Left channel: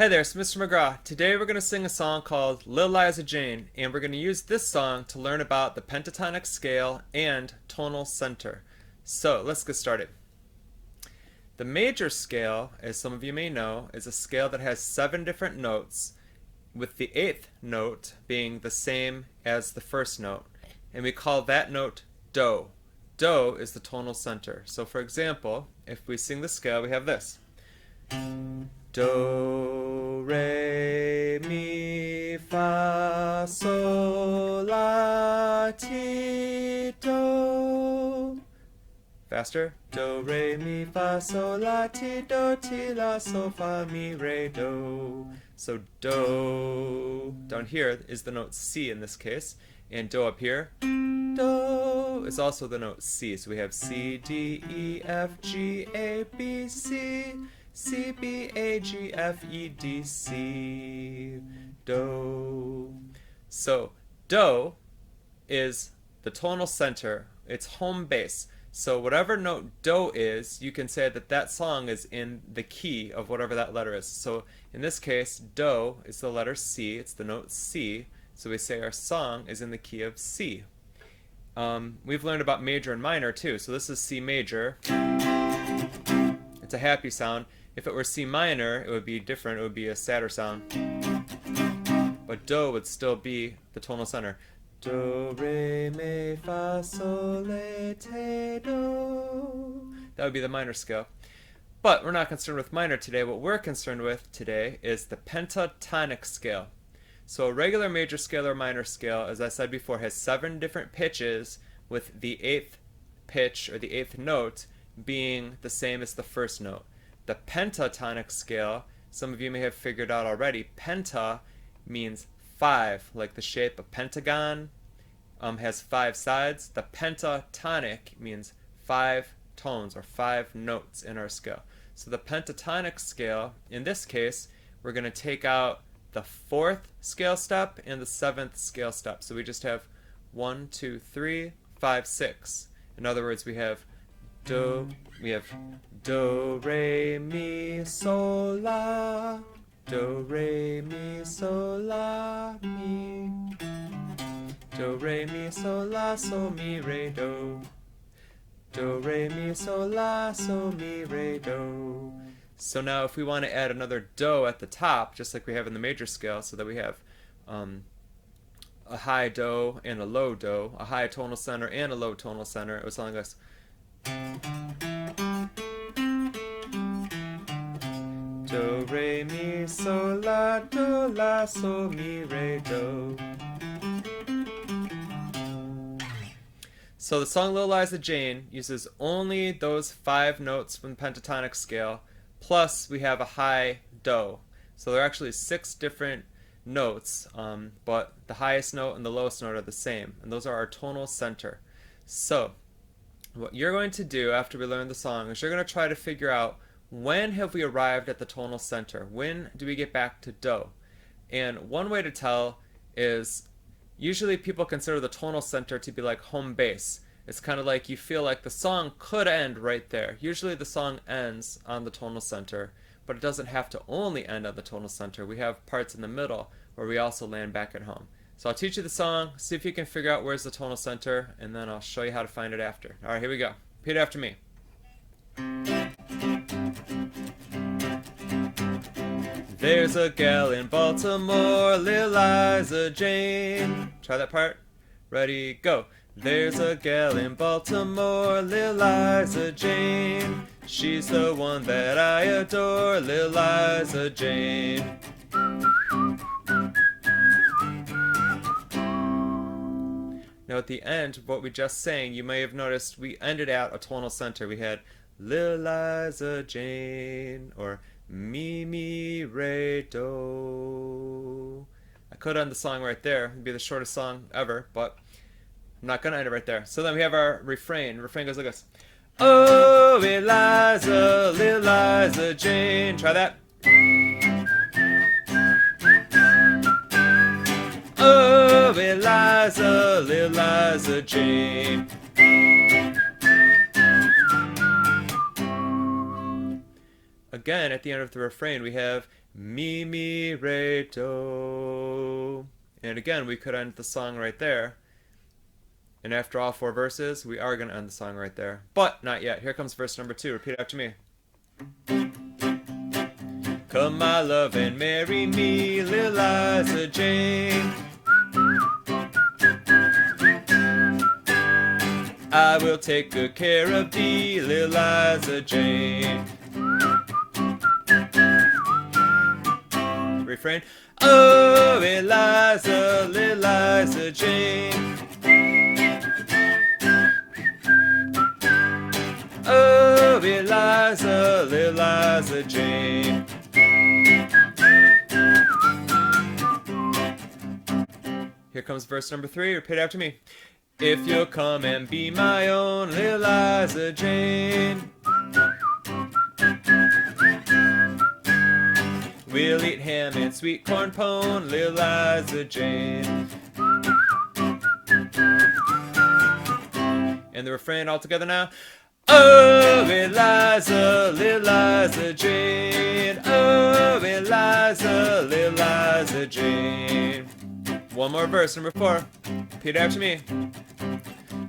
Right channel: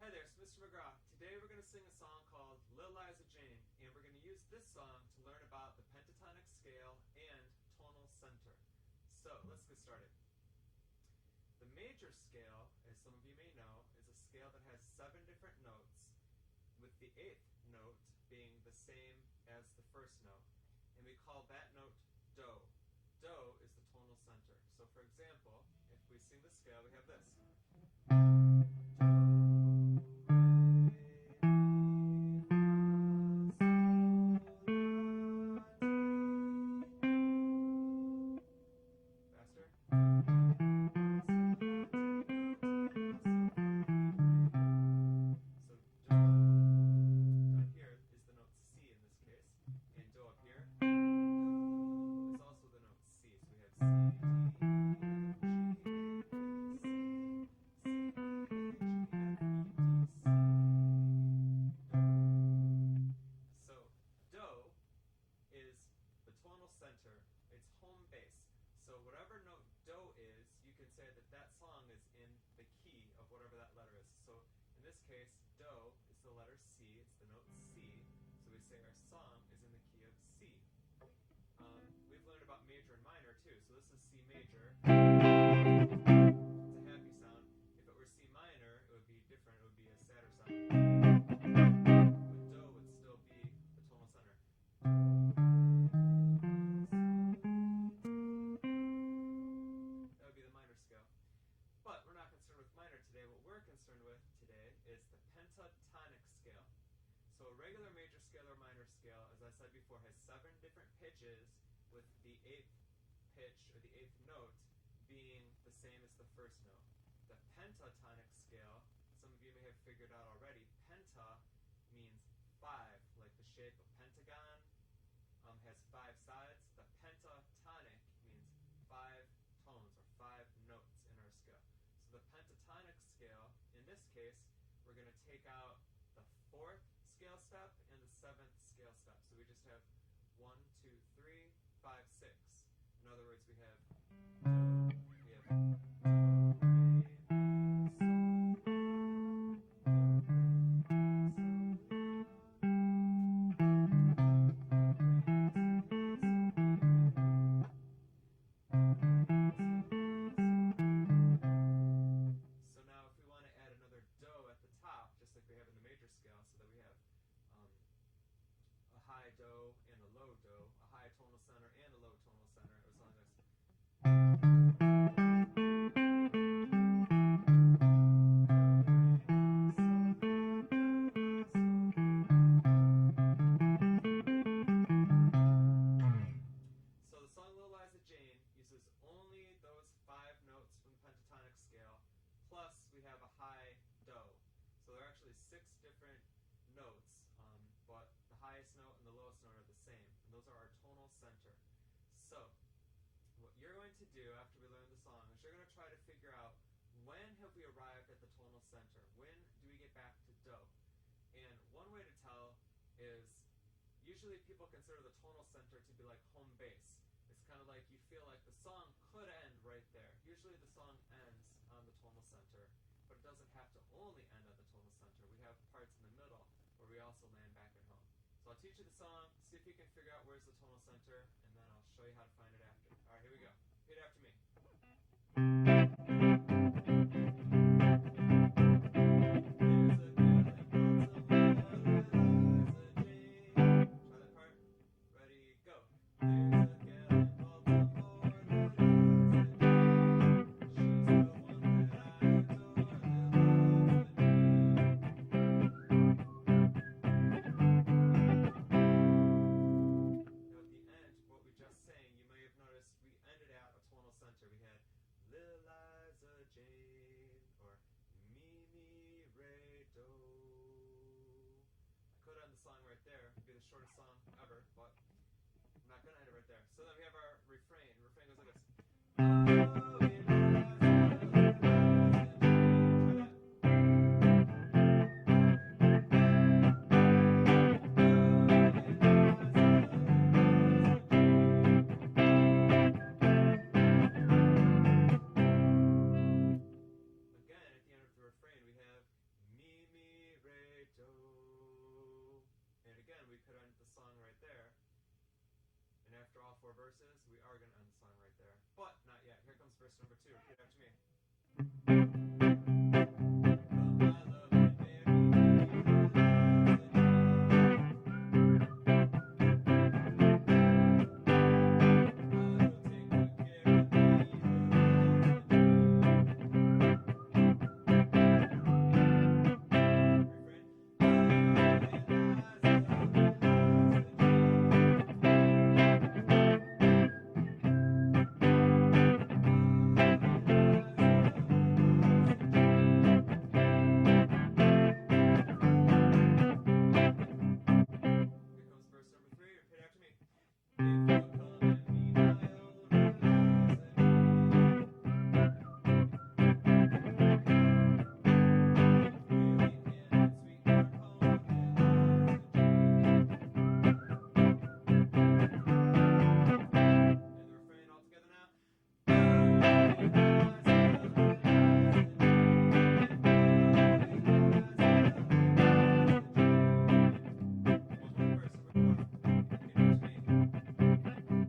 Hey there, it's Mr. McGraw. Today we're going to sing a song called Lil Liza Jane, and we're going to use this song to learn about the pentatonic scale and tonal center. So let's get started. The major scale, as some of you may know, is a scale that has 7 different notes, with the 8th note being the same as the first note, and we call that note Do. Do is the tonal center. So for example, if we sing the scale, we have this. Do, re, mi, fa, sol, la, ti, do. Faster. Do, re, mi, fa, sol, la, ti, do, ti, la, sol, fa, mi, re, do. So do down here is the note C in this case, and do up here, do is also the note C. So we have C, D, E, F, G, A, B, C. C, B, A, G, F, E, D, C, Do. So, Do is the tonal center. It's home base. So whatever note Do is, you can say that that song is in the key of whatever that letter is. So in this case, Do is the letter C. It's the note C. So we say our song is in the key of C. We've learned about major and minor too. So this is C major. It's a happy sound. If it were C minor, it would be different. It would be a sadder sound. But Do would still be the tonal center. Do, re, mi, fa, sol, la, ti, do. That would be the minor scale. But we're not concerned with minor today. What we're concerned with today is the pentatonic scale. So a regular major scale or minor scale, as I said before, has 7 different pitches, with the 8th pitch or the 8th note being the same as the first note. The pentatonic scale, some of you may have figured out already, penta means 5, like the shape of pentagon has 5 sides. The pentatonic means 5 tones or 5 notes in our scale. So the pentatonic scale, in this case, we're going to take out the 4th scale step and the 7th scale step. So we just have 1, 2, 3, 5, 6. In other words, we have Do, re, mi, sol, la. Do, re, mi, sol, la, mi. Do, re, mi, sol, la, sol, mi, re, do. Do, re, mi, sol, la, sol, mi, re, do. So now if we want to add another Do at the top, just like we have in the major scale, so that we have a high Do and a low Do, a high tonal center and a low tonal center, it was something like this. Do, re, mi, sol, la, do, la, sol, mi, re, do. So the song Lil Liza Jane uses only those 5 notes from the pentatonic scale, plus we have a high Do. So there are actually 6 different notes, but the highest note and the lowest note are the same, and those are our tonal center. So what you're going to do after we learn the song is you're going to try to figure out, when have we arrived at the tonal center? When do we get back to Do? And one way to tell is, usually people consider the tonal center to be like home base. It's kind of like you feel like the song could end right there. Usually the song ends on the tonal center, but it doesn't have to only end on the tonal center. We have parts in the middle where we also land back at home. So I'll teach you the song, see if you can figure out where's the tonal center, and then I'll show you how to find it after. Alright, here we go. Repeat after me. There's a gal in Baltimore, Lil Liza Jane. Try that part. Ready, go. There's a gal in Baltimore, Lil Liza Jane. She's the one that I adore, Lil Liza Jane. Now at the end of what we just sang, you may have noticed we ended at a tonal center. We had Lil Liza Jane, or Mi, mi, re, do. I could end the song right there. It'd be the shortest song ever, but I'm not gonna end it right there. So then we have our refrain. The refrain goes like this. Oh, Eliza, Lil Liza Jane. Try that. Oh, Eliza, Lil Liza Jane. Again, at the end of the refrain, we have Mi, mi, re, do. And again, we could end the song right there. And after all 4 verses, we are going to end the song right there. But not yet. Here comes verse number 2. Repeat after me. Come, my love, and marry me, Lil Liza Jane. I will take good care of thee, Lil Liza Jane. Refrain. Oh, Eliza, Lil Liza Jane. Oh, Eliza, Lil Liza Jane. Here comes verse number 3. Repeat after me. If you'll come and be my own, Lil Liza Jane. We'll eat ham and sweet corn pone, Lil Liza Jane. And the refrain all together now. Oh, Eliza, Lil Liza Jane. Oh, Eliza, Lil Liza Jane. One more verse, number 4. Repeat after me.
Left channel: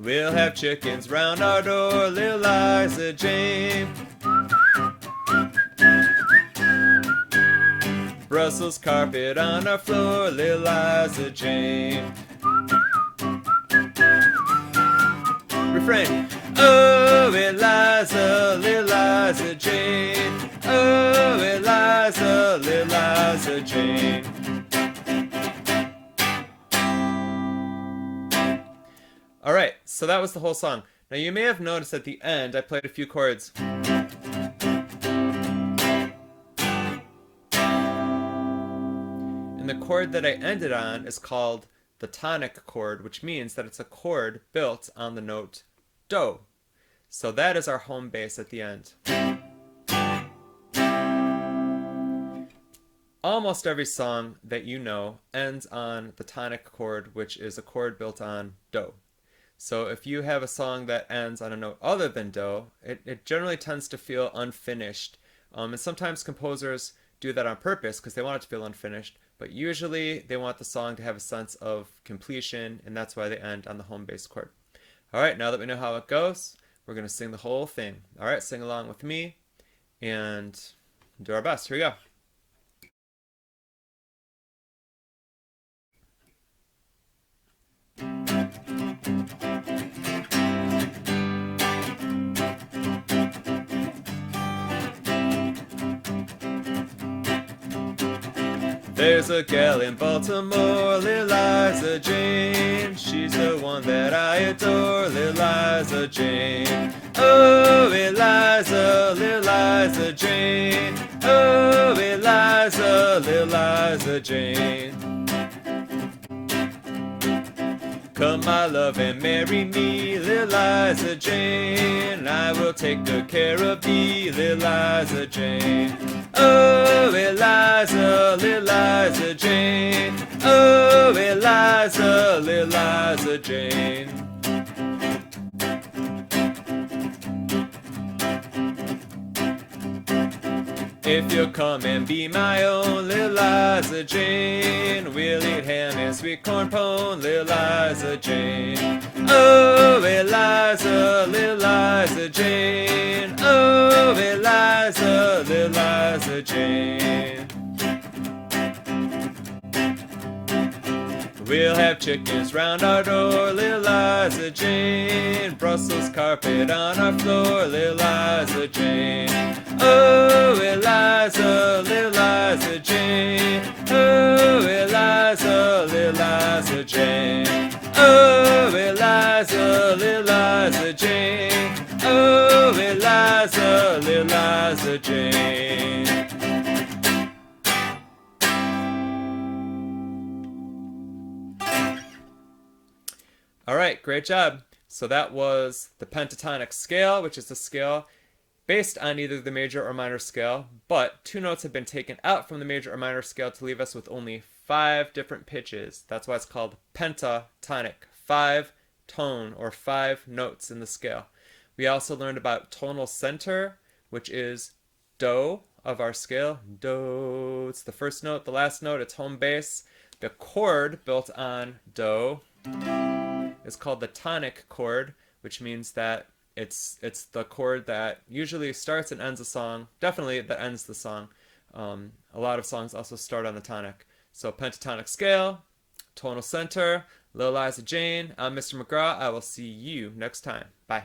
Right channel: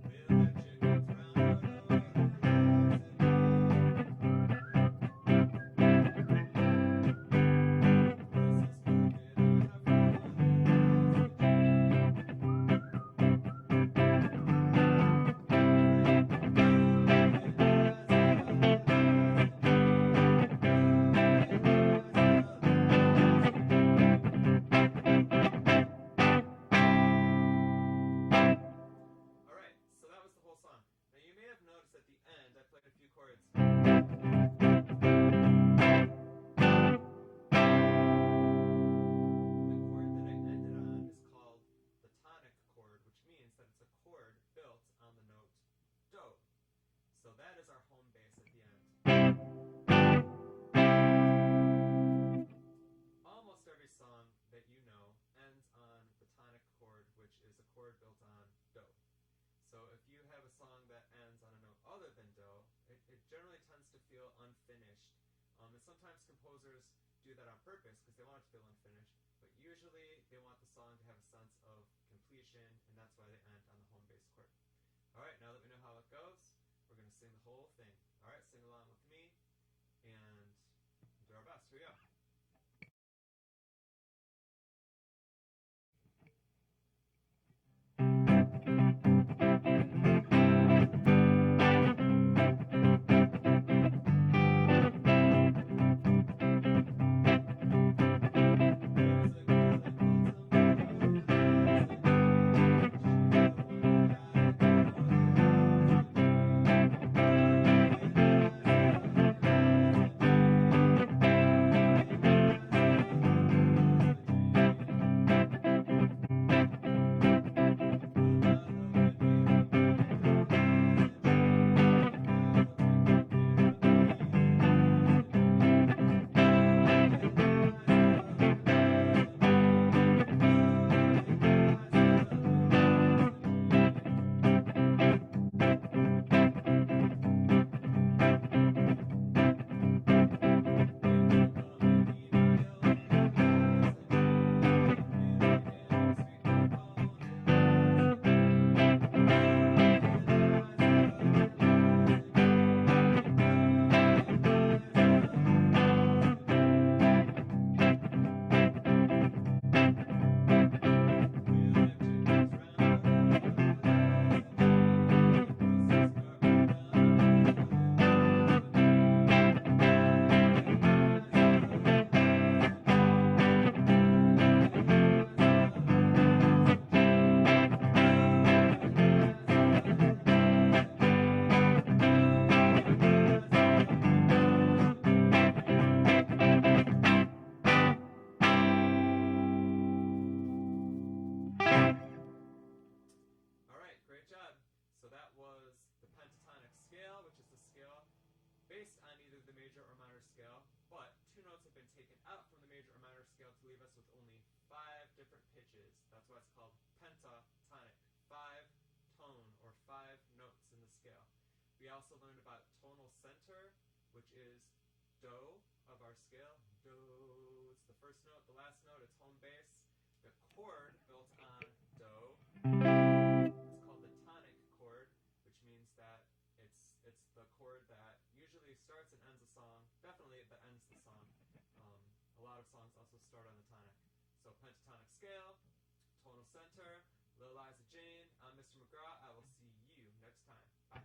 We'll have chickens round our door, Lil Liza Jane. Brussels carpet on our floor, Lil Liza Jane. Refrain. Oh, Eliza, Lil Liza Jane. Oh, Eliza, Lil Liza Jane. Alright, so that was the whole song. Now you may have noticed at the end I played a few chords. And the chord that I ended on is called the tonic chord, which means that it's a chord built on the note do. So that is our home bass at the end. Almost every song that you know ends on the tonic chord, which is a chord built on do. So if you have a song that ends on a note other than do, it generally tends to feel unfinished. And sometimes composers do that on purpose because they want it to feel unfinished, but usually they want the song to have a sense of completion, and that's why they end on the home bass chord. Alright, now that we know how it goes, we're going to sing the whole thing. Alright, sing along with me and do our best. Here we go. There's a gal in Baltimore, Lil Liza Jane. She's the one that I adore, Lil Liza Jane. Oh, Eliza, Lil Liza Jane. Oh, Eliza, Lil Liza Jane. Come, my love, and marry me, Lil Liza Jane. I will take good care of thee, Lil Liza Jane. Oh, Eliza, Lil Liza Jane. Oh, Eliza, Lil Liza Jane. If you'll come and be my own, Lil Liza Jane, we'll eat ham and sweet corn pone, Lil Liza Jane. Oh, Eliza, Lil Liza Jane. Oh, Eliza, Lil Liza Jane. We'll have chickens round our door, Lil Liza Jane. Brussels carpet on our floor, Lil Liza Jane. Oh, Eliza, Lil Liza Jane. Oh, Eliza, Lil Liza Jane. Oh, Eliza, Lil Liza Jane. Oh, Eliza, Lil Liza Jane. All right, great job. So that was the pentatonic scale, which is the scale based on either the major or minor scale, but 2 notes have been taken out from the major or minor scale to leave us with only 5 different pitches. That's why it's called pentatonic, 5 tone or 5 notes in the scale. We also learned about tonal center, which is do, of our scale. Do. It's the first note, the last note, it's home bass. The chord built on do is called the tonic chord, which means that it's the chord that usually starts and ends a song. Definitely that ends the song. A lot of songs also start on the tonic. So pentatonic scale, tonal center, Lil Liza Jane. I'm Mr. McGraw. I will see you next time. Bye.